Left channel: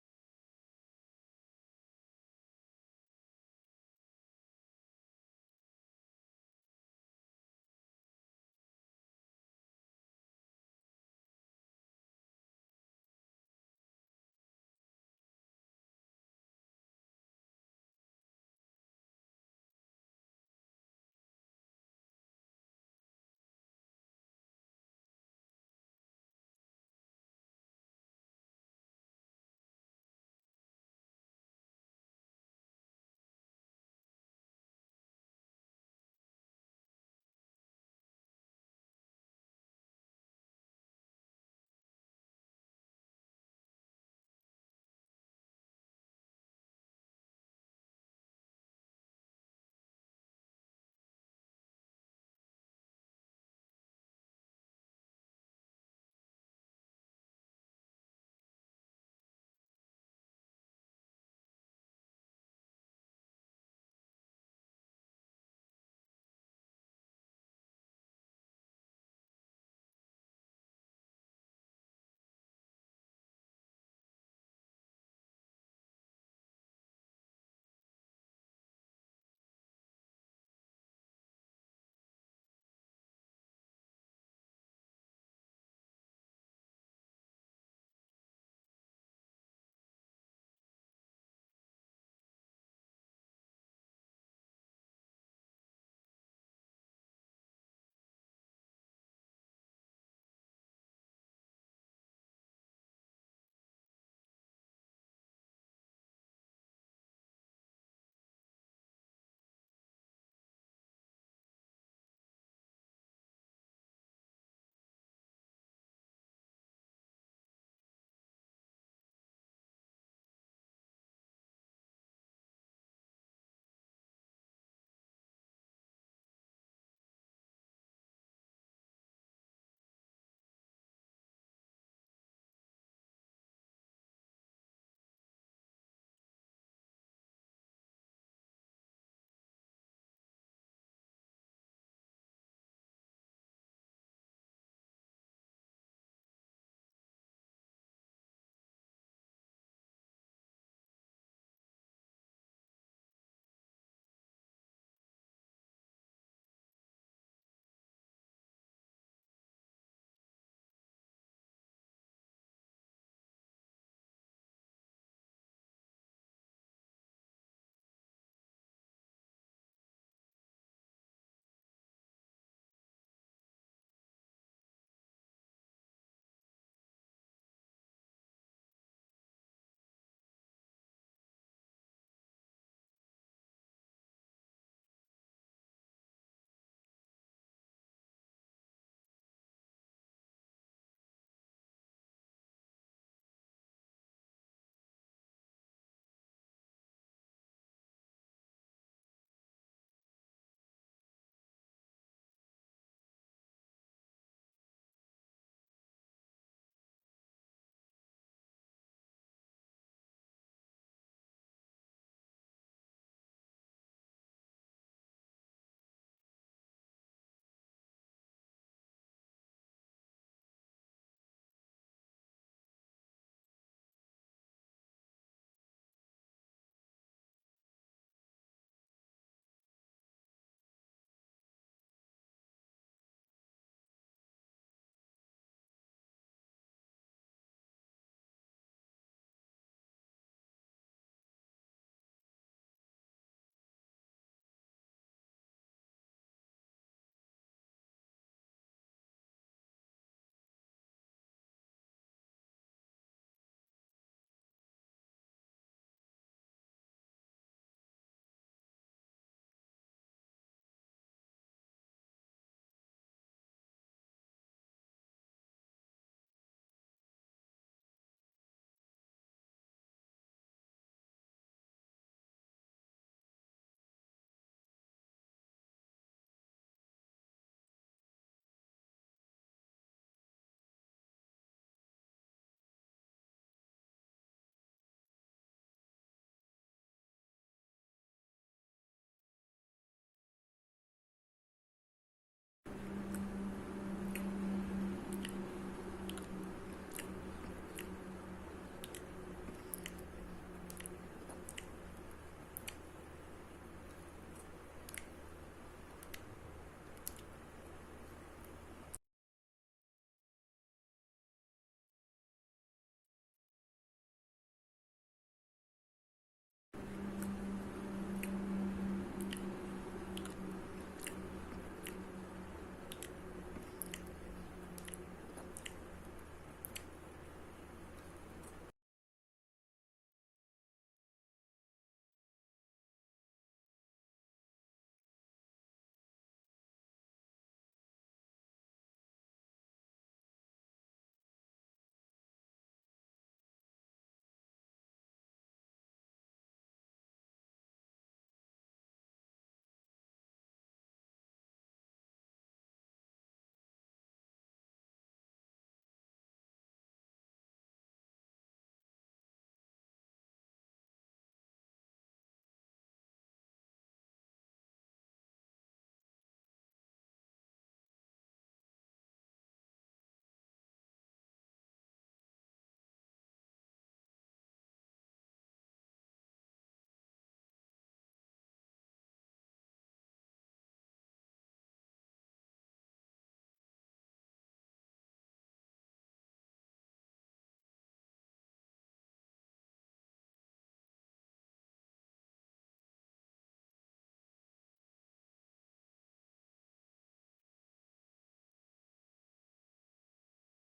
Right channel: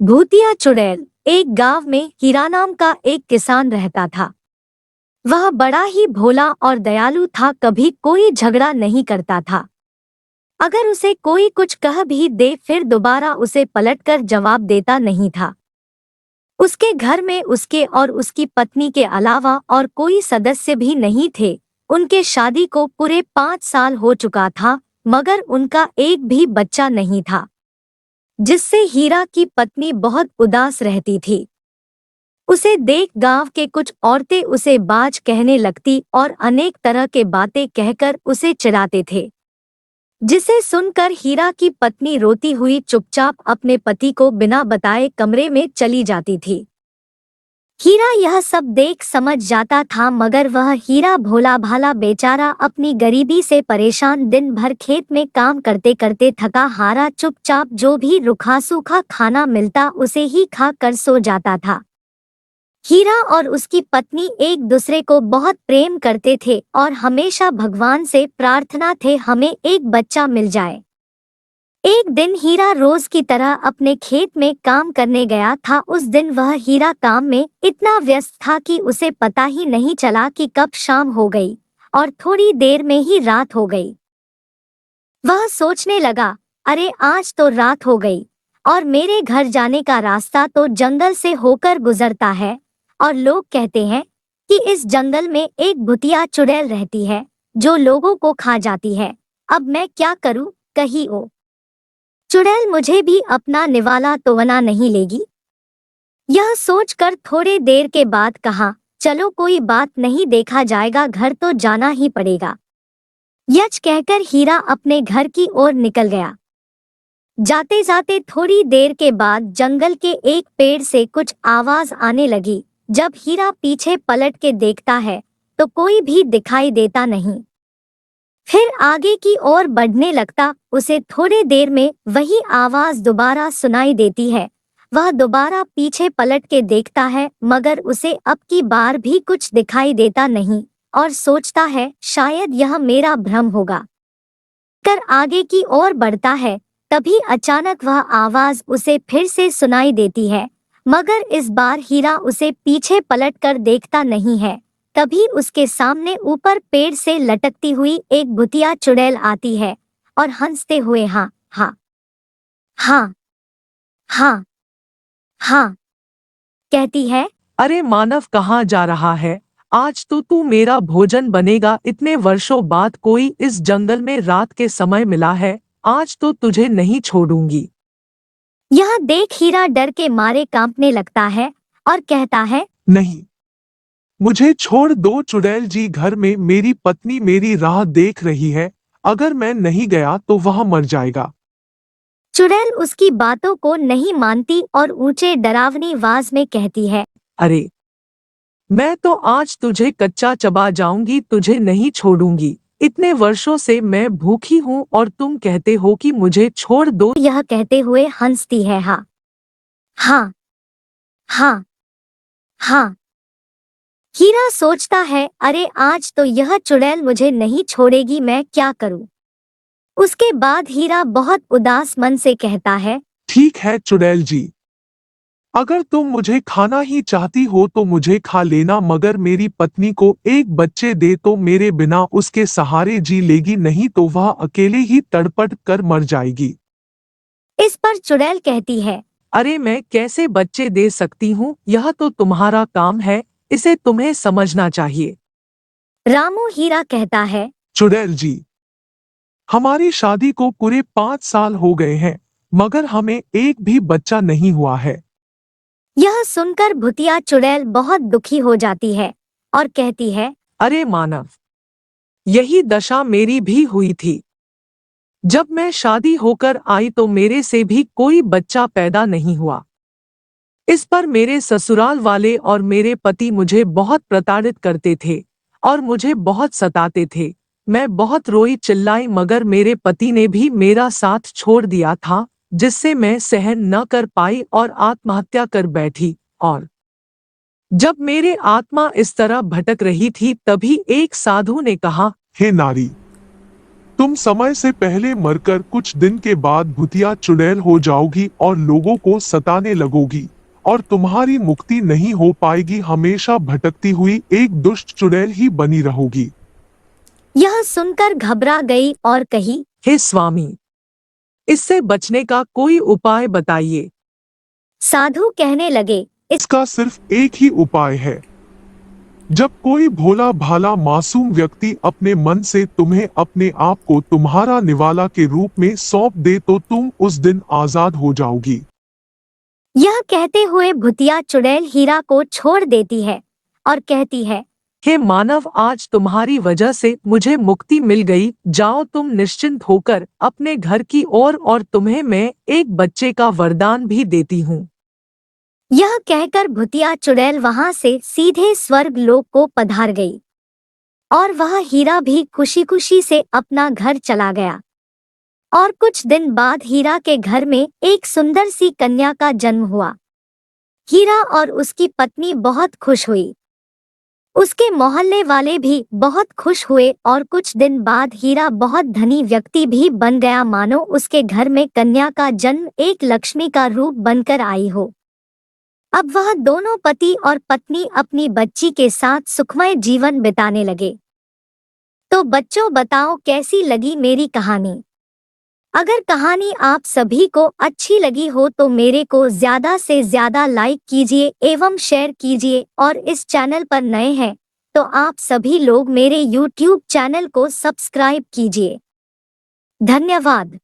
भूतिया चुड़ैल। एक गांव में हीरा नाम का एक किसान रहता था। वह बड़ा ही भोला और दयालु था, कभी कोई झगड़ा नहीं करता था। अगर उसे कोई कुछ कह भी दे फिर दोबारा उसे पलटकर जवाब देता नहीं था। उसके घर में उसके और उसकी पत्नी के अलावा और कोई सदस्य भी नहीं थे। उनके शादी को पूरे 5 साल हो चुका था, मगर उनका एक भी बच्चा नहीं था, जिससे हीरा की पत्नी बहुत उदास रहती थी। उसे देख गांव के कुछ औरतें उसे बाज कहने लगती और अनेक तरह के बातें कहकर उसे चिढ़ाते थे, जिसे सुनकर हीरा की पत्नी रोती हुई चुपचाप अपने पति को बिना बताए कमरे में चली जाती थी। हीरा यह सब देख समझ जाता था, मगर वह हीरा भोला भाला बेचारा अपनी गरीबी से परेशान दिन भर खेत में काम करते करते थका हारा चुपचाप जो भी रूखा सूखा खाना मिलता उसे ही खा कर सो जाता था। हीरा और उसकी पत्नी एक दूसरे को बहुत प्रेम करते थे और हमेशा भगवान से प्रार्थना थे हमें एक बच्चा मिल जाए। एक दिन हीरा रोज की तरह अपने खेत में काम करने गया था। उस दिन वह हीरा काम में इतना व्यस्त था कि उसे पता ही नहीं चला कि कब शाम हो गई और थोड़ी देर में ही रात हो गई। वह सोचने लगा, अरे आज तो रात हो गई और मेरे घर जाने का रास्ता तो जंगल से होकर गुजरता है और लोग कहते हैं कि इस जंगल में एक भूतिया चुड़ैल रहती है जो लोगों को खा जाती है। अब मैं क्या करूं, कहीं ओ चुड़ैल मुझे भी अपना निवाला तो बना नहीं लेगी। यह सोचकर थोड़े देर के बाद कहा, चलो कोई बात नहीं, देखा जाएगा, घर तो जाना ही पड़ेगा। यच कहकर हीरा अपने घर की ओर निकल गया। जाते जाते थोड़ी देर के बाद जंगल के एक पेड़ से कुछ आवाज आने लगी। जब हीरा पीछे पलट के देखता है तो कोई भी दिखाई देता नहीं। फिर आगे की ओर बढ़ने लगता, उसे थोड़ी देर में वही आवाज दोबारा सुनाई देती है। वह दोबारा पीछे पलट के देखता है, मगर उसे अब की बार भी कुछ दिखाई देता नहीं और सोचता है शायद यह मेरा भ्रम होगा। कर आगे की ओर बढ़ता है, तभी अचानक वह आवाज उसे फिर से सुनाई देती है, मगर इस बार हीरा उसे पीछे पलटकर देखता नहीं है। तभी उसके सामने ऊपर पेड़ से लटकती हुई एक भुतिया चुड़ैल आती है और हंसते हुए हाँ हाँ हाँ हाँ हाँ कहती है। अरे मानव, कहाँ जा रहा है? आज तो तू मेरा भोजन बनेगा। इतने वर्षों बाद कोई इस जंगल में रात के समय मिला है। आज तो तुझे नहीं छोड़ूंगी। यह देख हीरा डर के मारे कांपने लगता है और कहता है, नहीं, मुझे छोड़ दो चुड़ैल जी। घर में मेरी पत्नी मेरी राह देख रही है। अगर मैं नहीं गया तो वह मर जाएगा। चुड़ैल उसकी बातों को नहीं मानती और ऊंचे डरावनी आवाज में कहती है, अरे, मैं तो आज तुझे कच्चा चबा जाऊंगी, तुझे नहीं छोड़ूंगी। इतने वर्षों से मैं भूखी हूँ और तुम कहते हो कि मुझे छोड़ दो। यह कहते हुए हंसती है हाँ हाँ हाँ हाँ। हीरा सोचता है, अरे आज तो यह चुड़ैल मुझे नहीं छोड़ेगी, मैं क्या करूं। उसके बाद हीरा बहुत उदास मन से कहता है, ठीक है चुड़ैल जी, अगर तुम मुझे खाना ही चाहती हो तो मुझे खा लेना, मगर मेरी पत्नी को एक बच्चे दे तो मेरे बिना उसके सहारे जी लेगी, नहीं तो वह अकेले ही तड़पट कर मर जाएगी। इस पर चुड़ैल कहती है, अरे, मैं कैसे बच्चे दे सकती हूँ? यह तो तुम्हारा काम है, इसे तुम्हें समझना चाहिए। रामू। हीरा कहता है, चुड़ैल जी, हमारी शादी को पूरे 5 साल हो गए हैं, मगर हमें एक भी बच्चा नहीं हुआ है। यह सुनकर भुतिया चुड़ैल बहुत दुखी हो जाती है और कहती है, अरे मानव, यही दशा मेरी भी हुई थी। जब मैं शादी होकर आई तो मेरे से भी कोई बच्चा पैदा नहीं हुआ। इस पर मेरे ससुराल वाले और मेरे पति मुझे बहुत प्रताड़ित करते थे और मुझे बहुत सताते थे। मैं बहुत रोई चिल्लाई, मगर मेरे पति ने भी मेरा साथ छोड़ दिया था, जिससे मैं सहन न कर पाई और आत्महत्या कर बैठी। और जब मेरे आत्मा इस तरह भटक रही थी तभी एक साधु ने कहा, हे नारी, तुम समय से पहले मरकर कुछ दिन के बाद भूतिया चुड़ैल हो जाओगी और लोगों को सताने लगोगी और तुम्हारी मुक्ति नहीं हो पाएगी, हमेशा भटकती हुई एक दुष्ट चुड़ैल ही बनी रहोगी। यह सुनकर घबरा गई और कही, हे स्वामी, इससे बचने का कोई उपाय बताइए। साधु कहने लगे, इसका सिर्फ एक ही उपाय है। जब कोई भोला भाला मासूम व्यक्ति अपने मन से तुम्हें अपने आप को तुम्हारा निवाला के रूप में सौंप दे तो तुम उस दिन आजाद हो जाओगी। यह कहते हुए भूतिया चुड़ैल हीरा को छोड़ देती है और कहती है, हे मानव, आज तुम्हारी वजह से मुझे मुक्ति मिल गई। जाओ तुम निश्चिंत होकर अपने घर की ओर और तुम्हें मैं एक बच्चे का वरदान भी देती हूँ। यह कहकर भूतिया चुड़ैल वहां से सीधे स्वर्ग लोक को पधार गई और वह हीरा भी खुशी खुशी से अपना घर चला गया। और कुछ दिन बाद हीरा के घर में एक सुंदर सी कन्या का जन्म हुआ। हीरा और उसकी पत्नी बहुत खुश हुई। उसके मोहल्ले वाले भी बहुत खुश हुए और कुछ दिन बाद हीरा बहुत धनी व्यक्ति भी बन गया, मानो उसके घर में कन्या का जन्म एक लक्ष्मी का रूप बनकर आई हो। अब वह दोनों पति और पत्नी अपनी बच्ची के साथ सुखमय जीवन बिताने लगे। तो बच्चों, बताओ कैसी लगी मेरी कहानी। अगर कहानी आप सभी को अच्छी लगी हो तो मेरे को ज़्यादा से ज़्यादा लाइक कीजिए एवं शेयर कीजिए, और इस चैनल पर नए हैं तो आप सभी लोग मेरे YouTube चैनल को सब्सक्राइब कीजिए। धन्यवाद।